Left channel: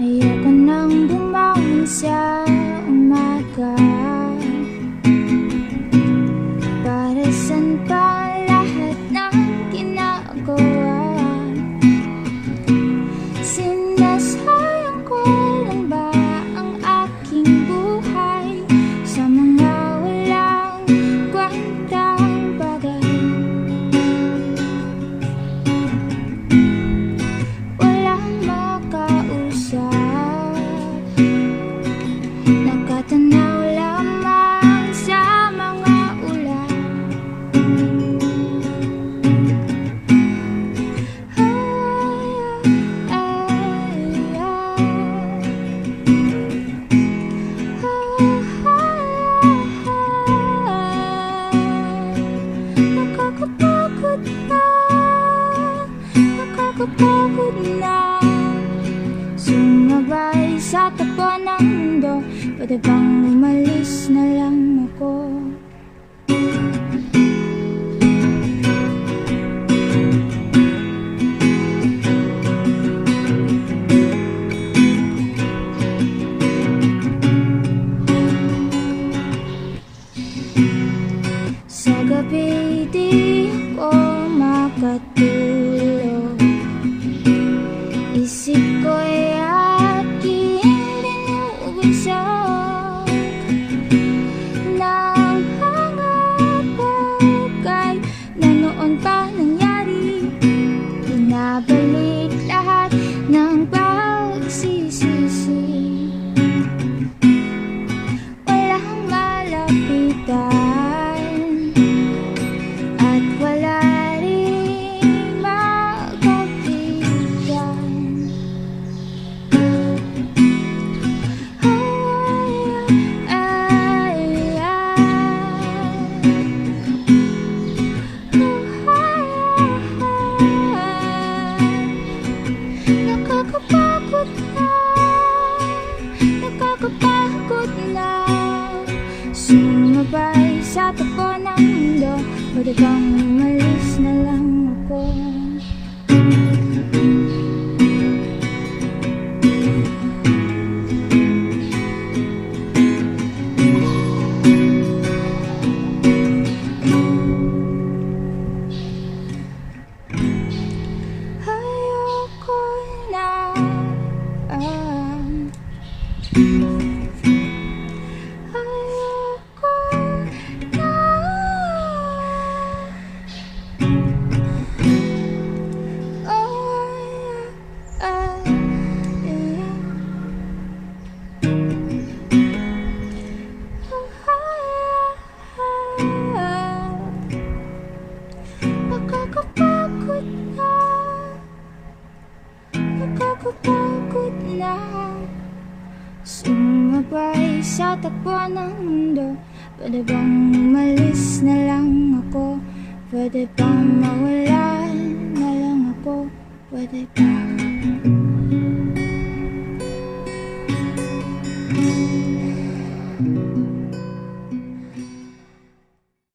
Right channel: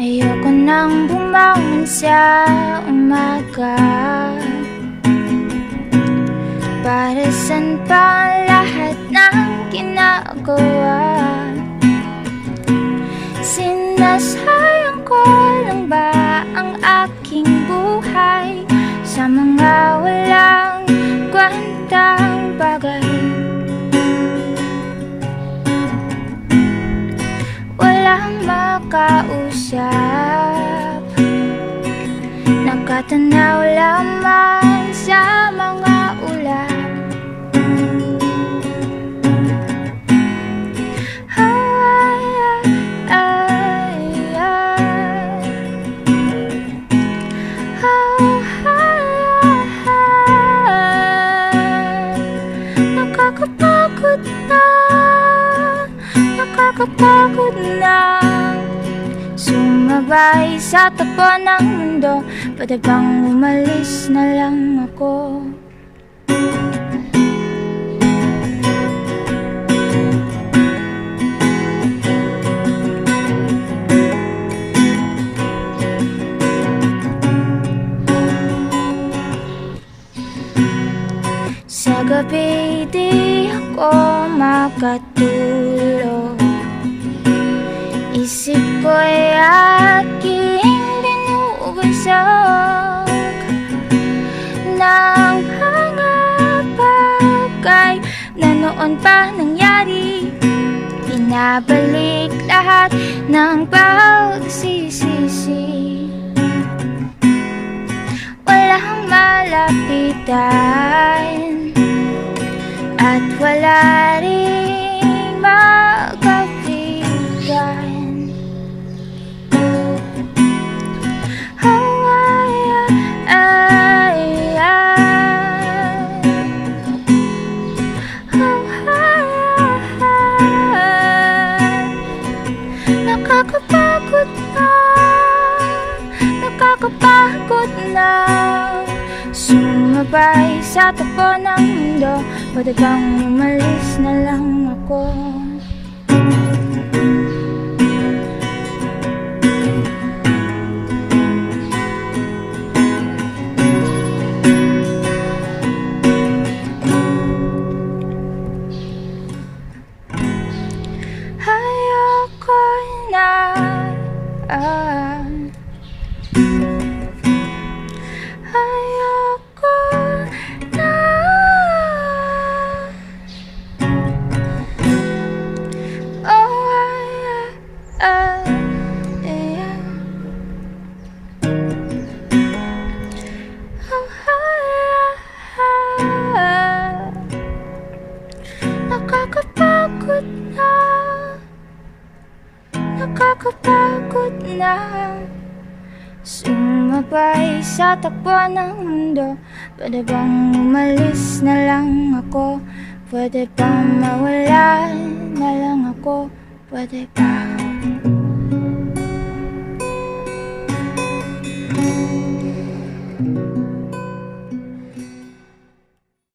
Ayoko nang bumangon sa umaga. Para saan pa ang lahat ng ginagawa? Sinasayang ko lang ba ang aking buhay sa mga walang kwentang bagay? Walang makausap, nakatanaw lamang sa mga ulap. Nakakapagod na, nakakapagod na sumabay sa takbo ng mundo. Pwede bang umalis na lang ako? Sa gabi di ako makatulog. Isip ko'y aking binubusog ng mga bagay na noon pa nangyari. Binabalik lahat ng pagsisisi. Walang malapitan at wala ring magkakaibigan. Nakakapagod na, nakakapagod na sumabay sa takbo ng mundo. Pwede bang umalis na lang ako? Ayoko na, ayoko na. Nakakapagod na, nakakapagod na sumabay sa takbo ng mundo. Pwede bang umalis na lang ako? Pwede bang mawala na lang ako? Pwede ba?